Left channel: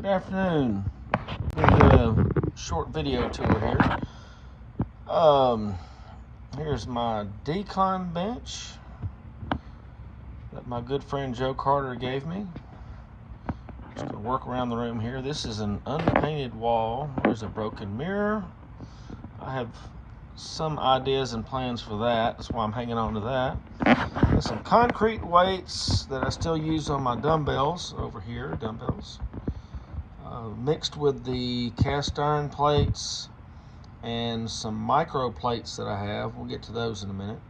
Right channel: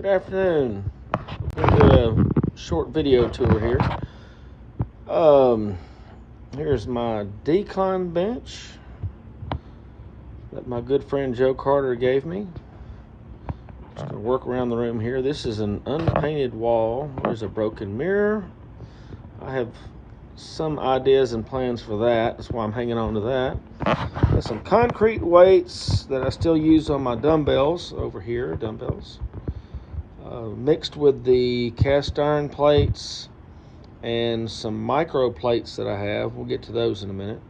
Good afternoon. Do a short video tour here. Here's my decon bench that my good friend Joe Carter gave me. Just gonna work around the room here. This is an unpainted wall. There's a broken mirror. I have some ideas and plans for that. That's why I'm hanging on to that. Got some concrete weights that I still use on my dumbbells over here, mixed with the cast iron plates and some micro plates that I have. We'll get to those in a minute.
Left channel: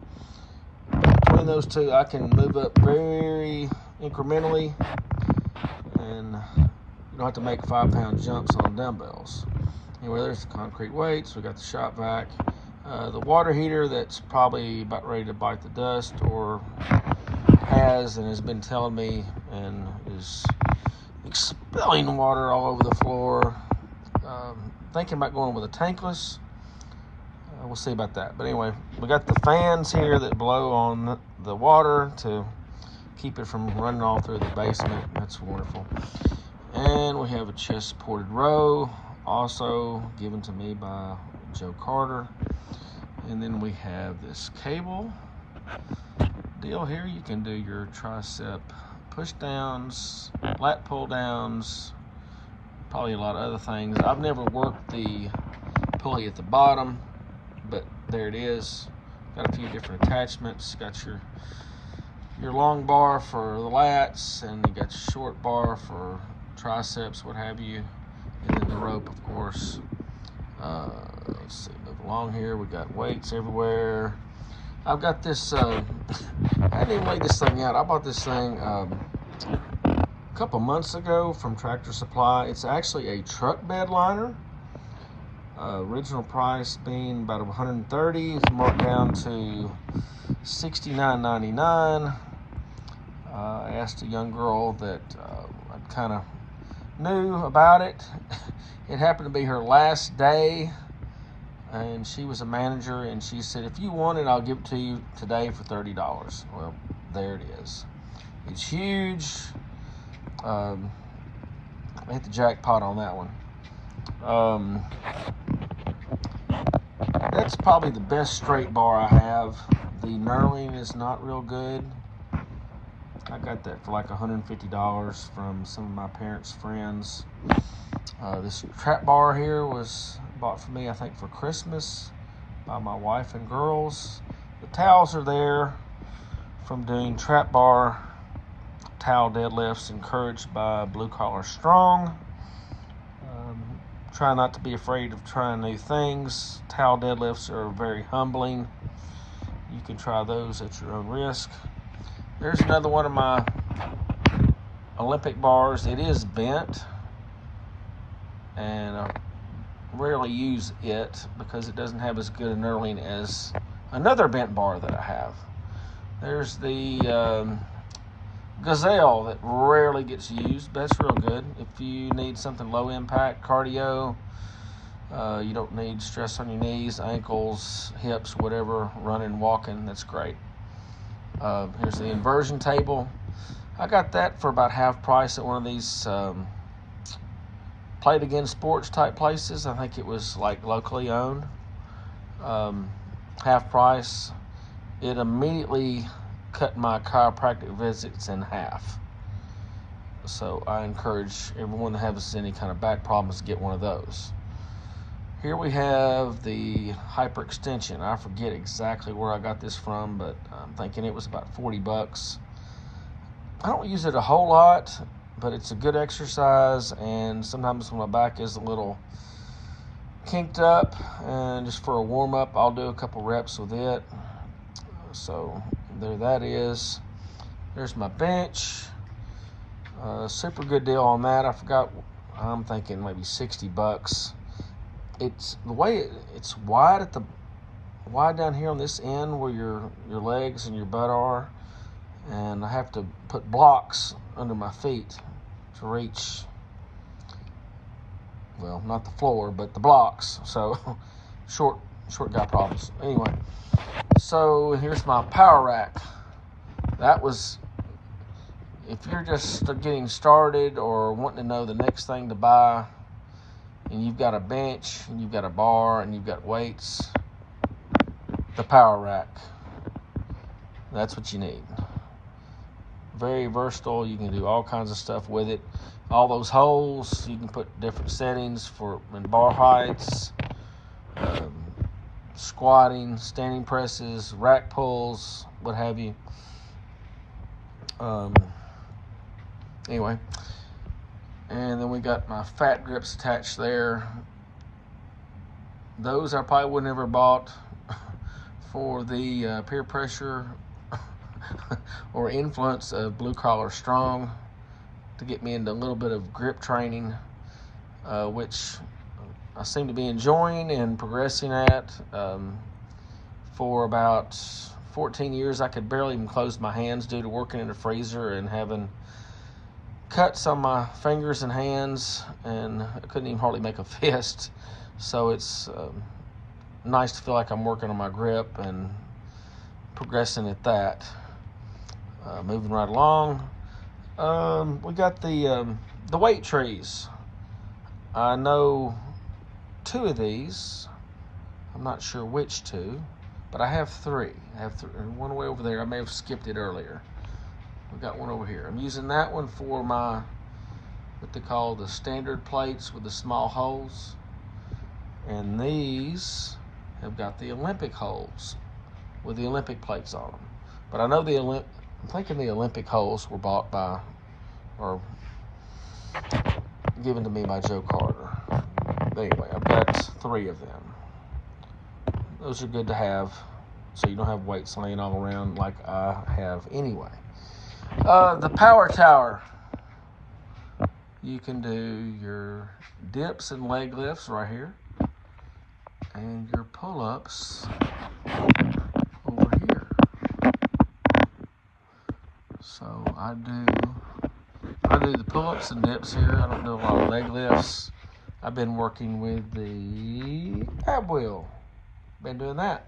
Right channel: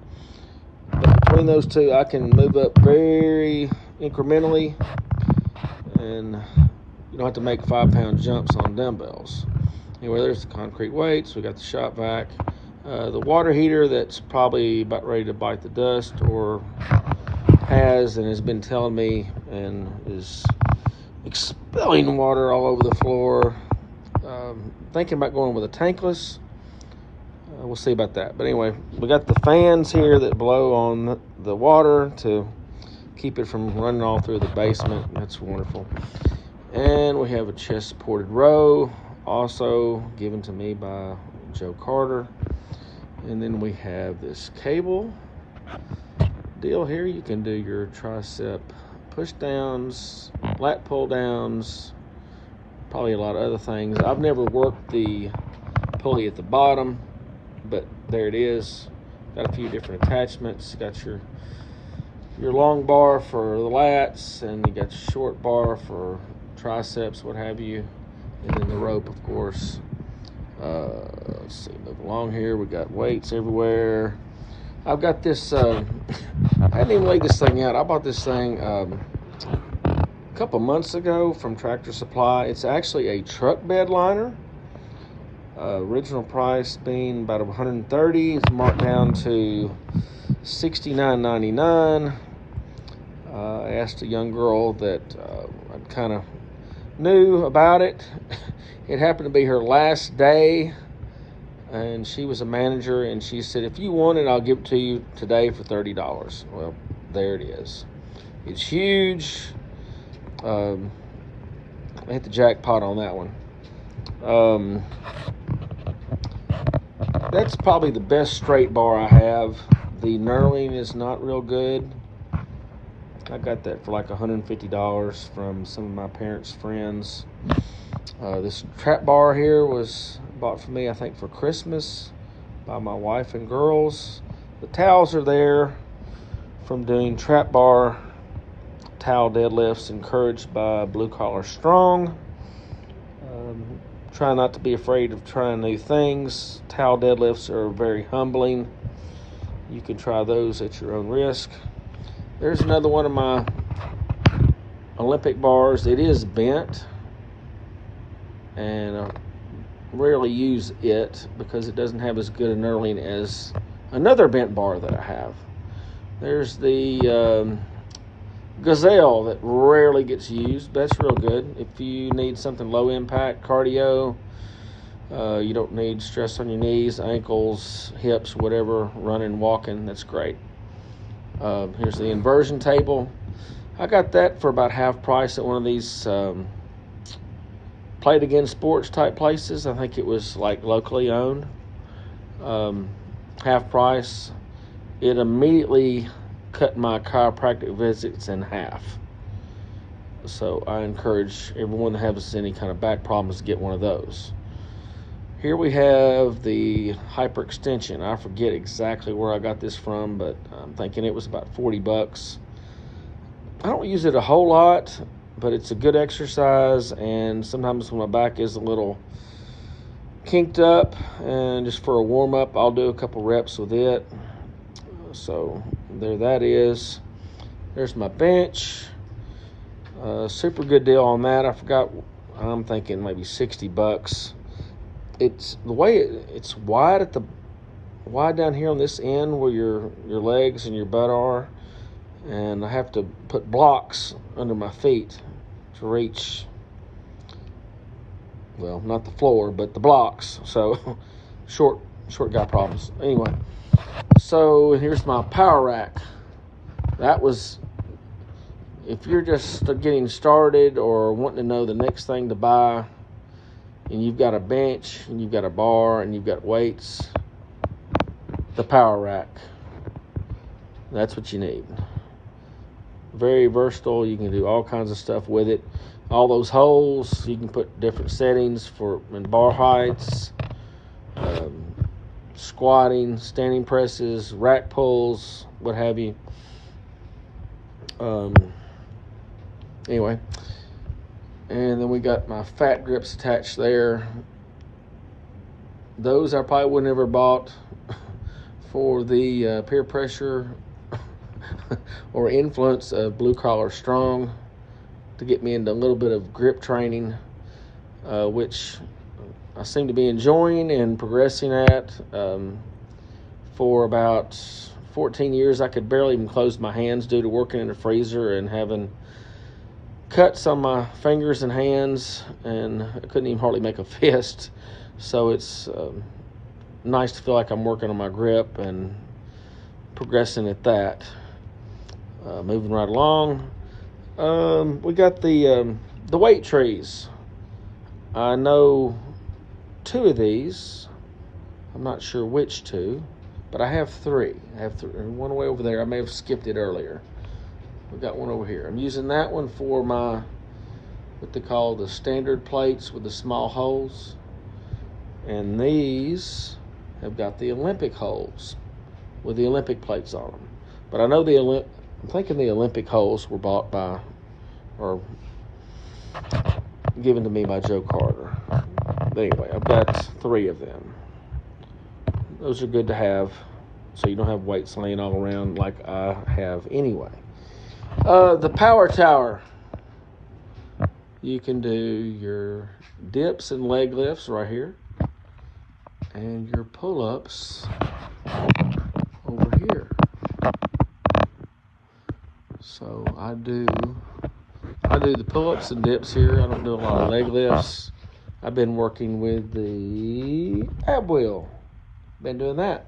But between those two, I can move up very incrementally, and you don't have to make 5-pound jumps on dumbbells. Anyway, there's the concrete weights. We got the shop vac, the water heater that's probably about ready to bite the dust, or has been telling me and is expelling water all over the floor. Thinking about going with a tankless. We'll see about that. But anyway, we got the fans here that blow on the water to keep it from running all through the basement. It's wonderful. And we have a chest supported row, also given to me by Joe Carter. And then we have this cable deal here. You can do your tricep push downs, lat pull downs, probably a lot of other things. I've never worked the pulley at the bottom, but there it is. Got a few different attachments. Got your long bar for the lats, and you got your short bar for triceps, what have you, and then the rope, of course. Let's see, move along here. We got weights everywhere. I've got this, I hadn't even laid this thing out. I bought this thing a couple months ago from Tractor Supply. It's actually a truck bed liner. Original price being about $130. It's marked down to $69.99. I asked a young girl that I kind of knew about it. It happened to be her last day, and she was a manager, and she said, if you want it, I'll give it to you today for $30. Well, there it is. It's huge. I hit the jackpot on that one. That's probably the best straight bar I have. The knurling is not real good. I got that for like $150 from some of my parents' friends. This trap bar here was bought for me, I think, for Christmas by my wife and girls. The towels are there from doing trap bar towel deadlifts, encouraged by Blue Collar Strong. Try not to be afraid of trying new things. Towel deadlifts are very humbling. You can try those at your own risk. There's another one of my Olympic bars. It is bent, and I rarely use it because it doesn't have as good a knurling as another bent bar that I have. There's the Gazelle that rarely gets used. That's real good if you need something low impact cardio. You don't need stress on your knees, ankles, hips, whatever, running, walking. That's great. Here's the inversion table. I got that for about half price at one of these Play It Again Sports type places. I think it was like locally owned. Half price. It immediately cut my chiropractic visits in half. So I encourage everyone that has any kind of back problems to get one of those. Here we have the hyperextension. I forget exactly where I got this from, but I'm thinking it was about $40. I don't use it a whole lot, but it's a good exercise, and sometimes when my back is a little kinked up, and just for a warm-up, I'll do a couple reps with it. So there that is. There's my bench. Super good deal on that. I forgot, I'm thinking maybe $60. It's the way it's wide down here on this end where your legs and your butt are, and I have to put blocks under my feet to reach, well, not the floor, but the blocks. So short guy problems. Anyway, so here's my power rack. That was if you're just getting started or wanting to know the next thing to buy, and you've got a bench and you've got a bar and you've got weights, the Power Rack, that's what you need. Very versatile. You can do all kinds of stuff with it. All those holes, you can put different settings for in bar heights, squatting, standing presses, rack pulls, what have you. Anyway, and then we got my fat grips attached there. Those I probably would never bought for the peer pressure or influence of Blue Collar Strong to get me into a little bit of grip training, which I seem to be enjoying and progressing at. For about 14 years, I could barely even close my hands due to working in the freezer and having cuts on my fingers and hands, and I couldn't even hardly make a fist. So it's nice to feel like I'm working on my grip and progressing at that. Moving right along, we got the weight trees. I know 2 of these. I'm not sure which 2, but I have 3. I have one way over there. I may have skipped it earlier. We got one over here. I'm using that one for my, what they call the standard plates with the small holes. And these have got the Olympic holes with the Olympic plates on them. But I know I'm thinking the Olympic holes were bought by, or given to me by Joe Carter. But anyway, I've got 3 of them. Those are good to have, so you don't have weights laying all around like I have anyway. The Power Tower. You can do your dips and leg lifts right here, and your pull-ups over here. So I do the pull-ups and dips here. I don't do a lot of leg lifts. I've been working with the ab wheel. Been doing that.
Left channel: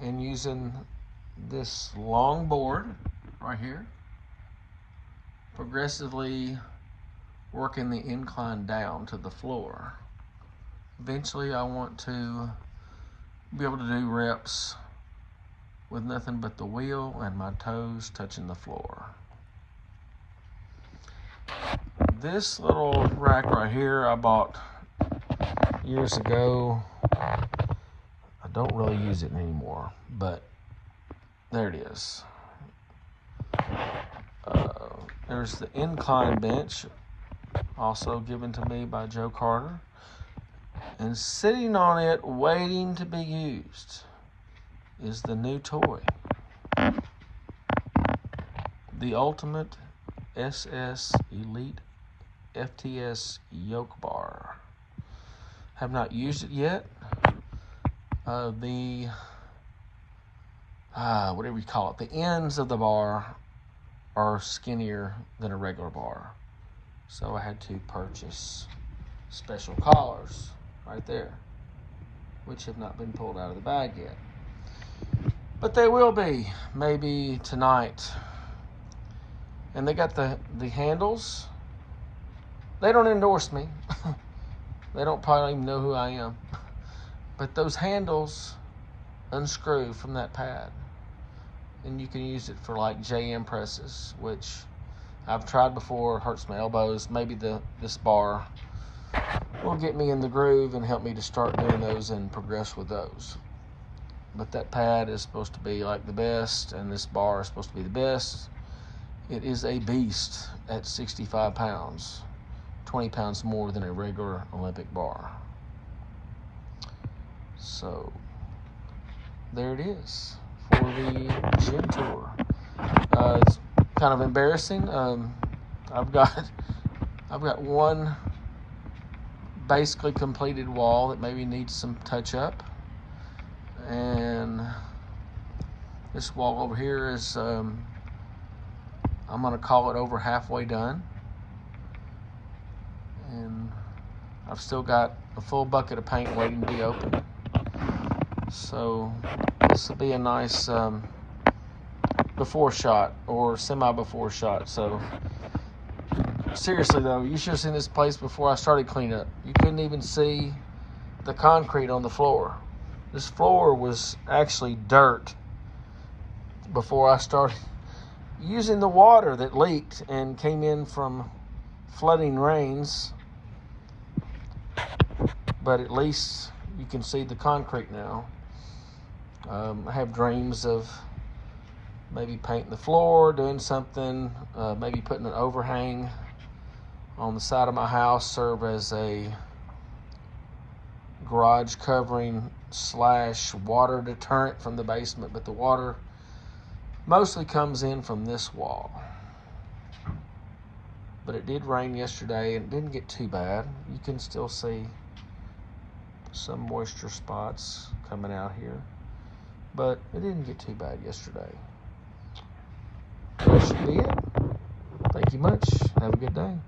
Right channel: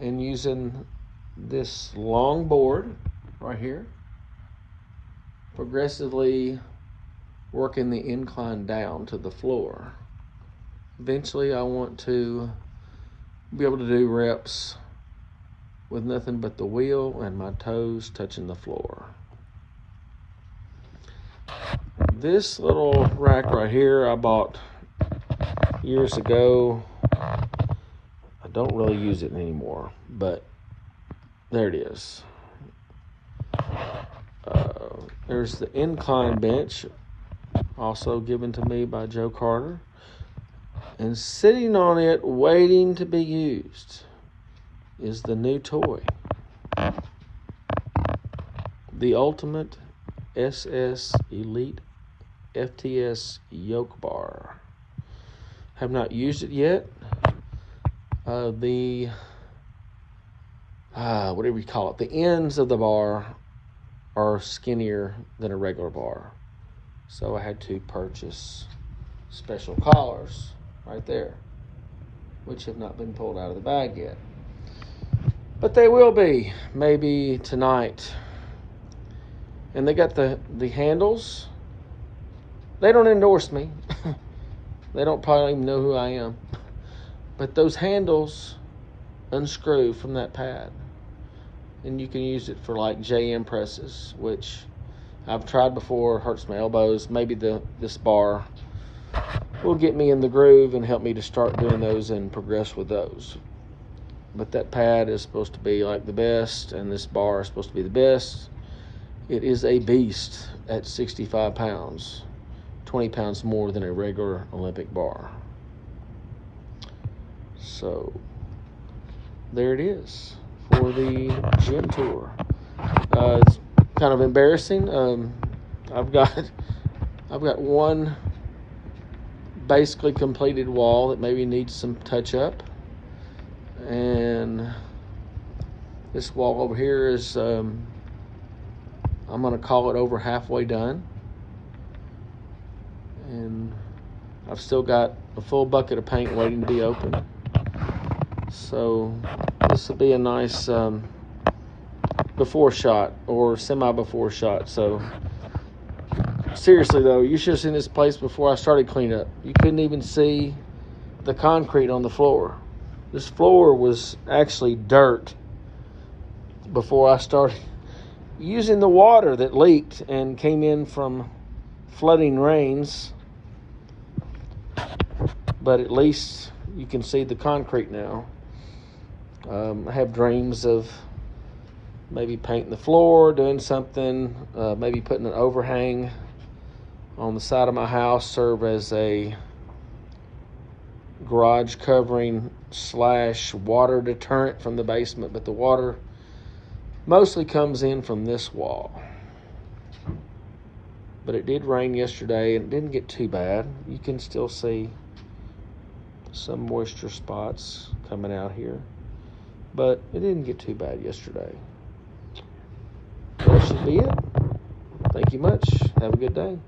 And using this long board right here. Progressively working the incline down to the floor. Eventually I want to be able to do reps with nothing but the wheel and my toes touching the floor. This little rack right here I bought years ago. I don't really use it anymore, but there it is. There's the incline bench, also given to me by Joe Carter. And sitting on it, waiting to be used, is the new toy. The Ultimate SS Elite FTS Yoke Bar. Have not used it yet. Whatever you call it, the ends of the bar are skinnier than a regular bar. So I had to purchase special collars right there, which have not been pulled out of the bag yet. But they will be, maybe tonight. And they got the handles. They don't endorse me. They don't probably even know who I am. But those handles unscrew from that pad. And you can use it for like JM presses, which I've tried before, hurts my elbows. Maybe this bar will get me in the groove and help me to start doing those and progress with those. But that pad is supposed to be like the best, and this bar is supposed to be the best. It is a beast at 65 pounds, 20 pounds more than a regular Olympic bar. So there it is for the gym tour. It's kind of embarrassing. I've got one basically completed wall that maybe needs some touch up, and this wall over here is I'm gonna call it over halfway done, and I've still got a full bucket of paint waiting to be opened. So this will be a nice before shot or semi before shot. So seriously though, you should have seen this place before I started cleanup. You couldn't even see the concrete on the floor. This floor was actually dirt before I started using the water that leaked and came in from flooding rains. But at least you can see the concrete now. I have dreams of maybe painting the floor, doing something, maybe putting an overhang on the side of my house, serve as a garage covering / water deterrent from the basement, but the water mostly comes in from this wall. But it did rain yesterday and it didn't get too bad. You can still see some moisture spots coming out here, but it didn't get too bad yesterday. That should be it. Thank you much. Have a good day.